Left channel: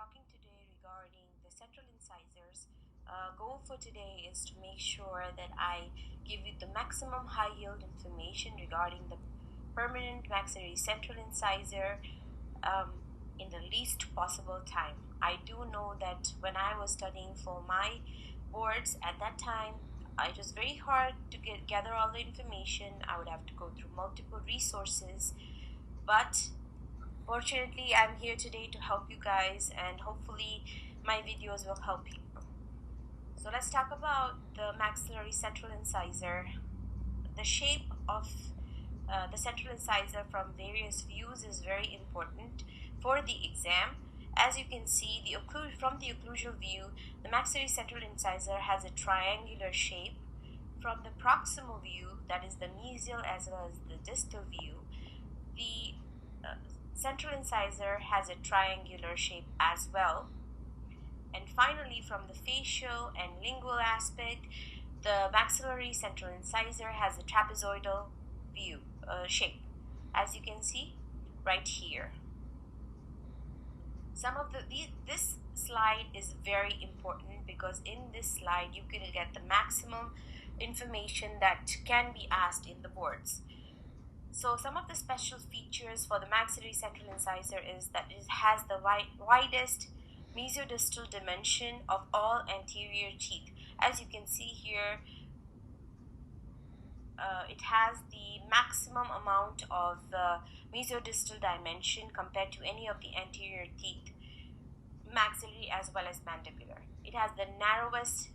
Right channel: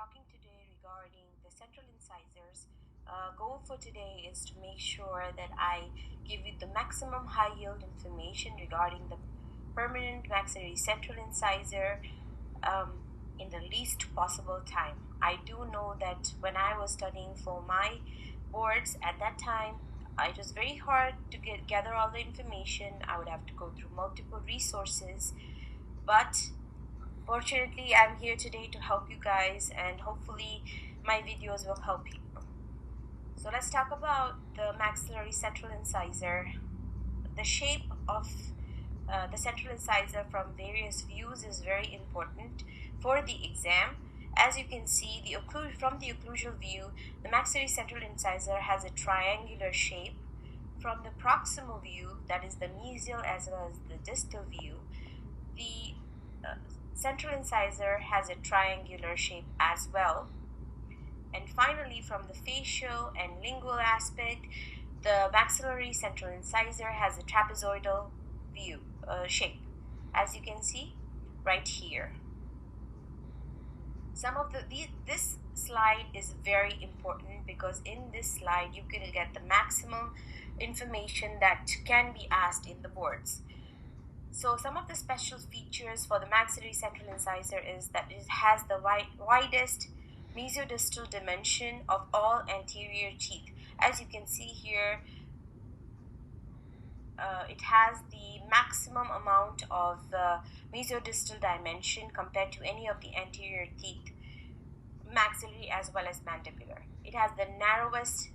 talking today regarding the central incisors. Goal for today is to make sure that I give you the maximum high yield information regarding the permanent maxillary central incisor in the least possible time. I do know that when I was studying for my boards at that time, it was very hard to gather all the information. I would have to go through multiple resources, but fortunately, I'm here today to help you guys, and hopefully my videos will help you. So let's talk about the maxillary central incisor. The shape of the central incisor from various views is very important for the exam. As you can see, from the occlusal view, the maxillary central incisor has a triangular shape. From the proximal view, that is the mesial as well as the distal view, the central incisor has a triangular shape as well. And finally, from the facial and lingual aspect, the maxillary central incisor has a trapezoidal view shape, as you can see right here. This slide is very important because in this slide you can get the maximum information that can be asked in the boards. So some of the special features for the maxillary central incisor is that it has the widest mesiodistal dimension of all anterior teeth. As you can see here, it has the maximum amount of mesiodistal dimension compared to any of the anterior teeth, maxillary as well as mandibular. It has the narrowest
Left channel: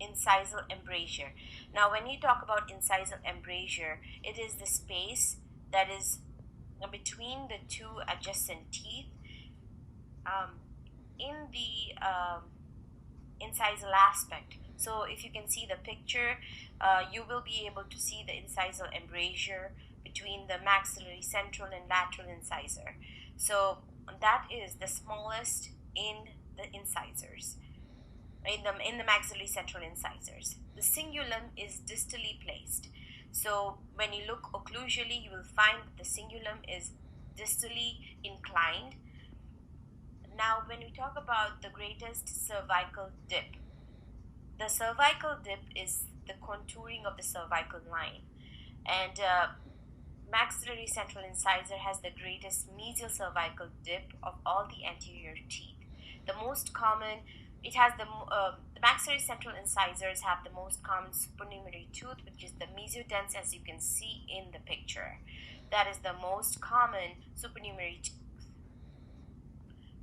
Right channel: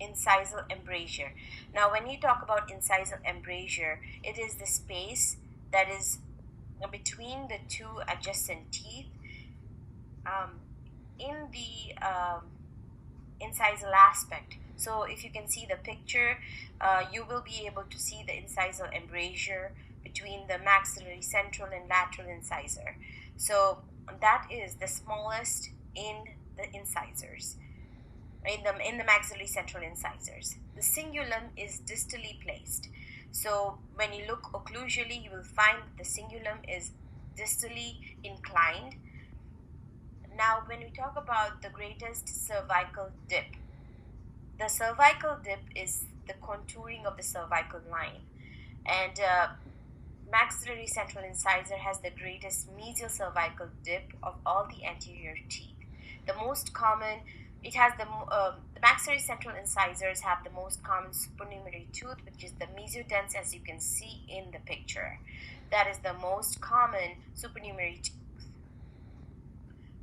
incisal embrasure. Now, when you talk about incisal embrasure, it is the space that is between the two adjacent teeth in the incisal aspect. So if you can see the picture, you will be able to see the incisal embrasure between the maxillary central and lateral incisor. So that is the smallest in the incisors, in the maxillary central incisors. The cingulum is distally placed. So when you look occlusally, you will find the cingulum is distally inclined. Now, when we talk about the greatest cervical dip, the cervical dip is the contouring of the cervical line, and maxillary central incisor has the greatest mesial cervical dip of all the anterior teeth. The most common, it has the maxillary central incisors have the most common supernumerary tooth, which is the mesiodens, as you can see in the picture. That is the most common supernumerary tooth.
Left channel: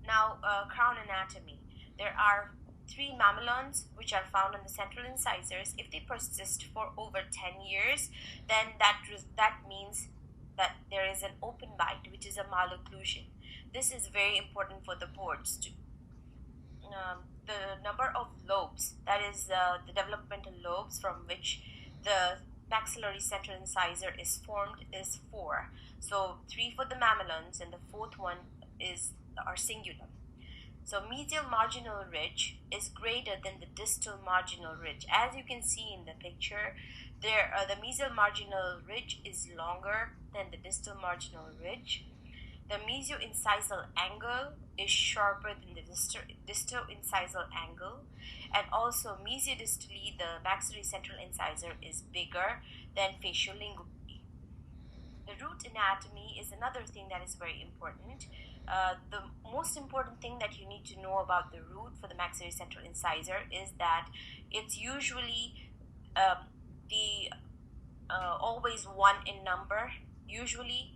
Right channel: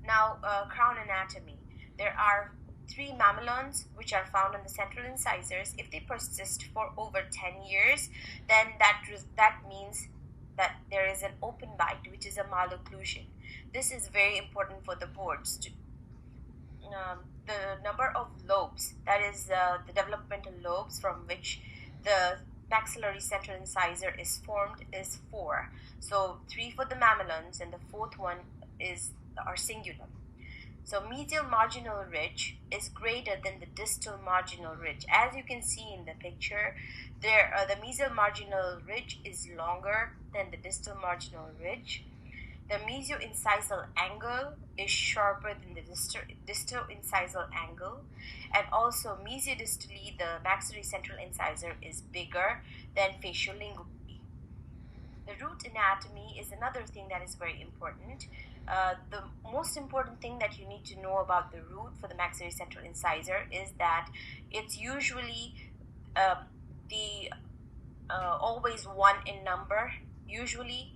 Now, crown anatomy. There are 3 mamelons which are found on the central incisors. If they persist for over 10 years, then that means that there is an open bite, which is a malocclusion. This is very important for the boards too. The number of lobes, that is the developmental lobes from which the maxillary central incisor is formed, is 4. So 3 for the mamelons, and the 4th one is our cingulum. So medial marginal ridge is greater than the distal marginal ridge. As you can see in the picture, there the mesial marginal ridge is longer than the distal marginal ridge. The mesio-incisal angle is sharper than the distal incisal angle, and also mesiodistally the maxillary central incisor is bigger than facial-lingually. The root anatomy is another thing that is very important. The most important thing that you need to know about the root for the maxillary central incisor is that it's usually always 1 in number. Usually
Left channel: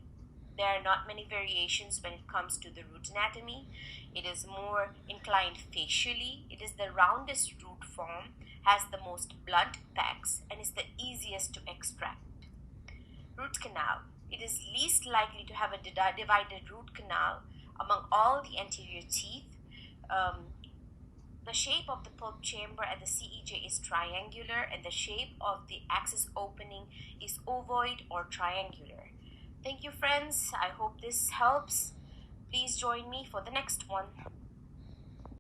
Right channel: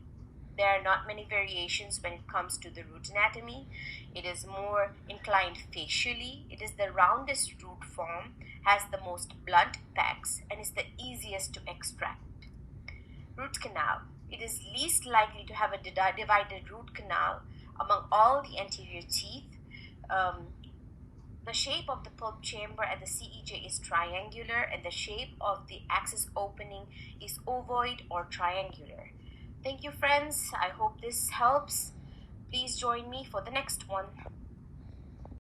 there are not many variations when it comes to the root anatomy. It is more inclined facially. It is the roundest root form, has the most blunt pecs, and is the easiest to extract. Root canal. It is least likely to have a divided root canal among all the anterior teeth. The shape of the pulp chamber at the CEJ is triangular, and the shape of the axis opening is ovoid or triangular. Thank you, friends. I hope this helps. Please join me for the next one.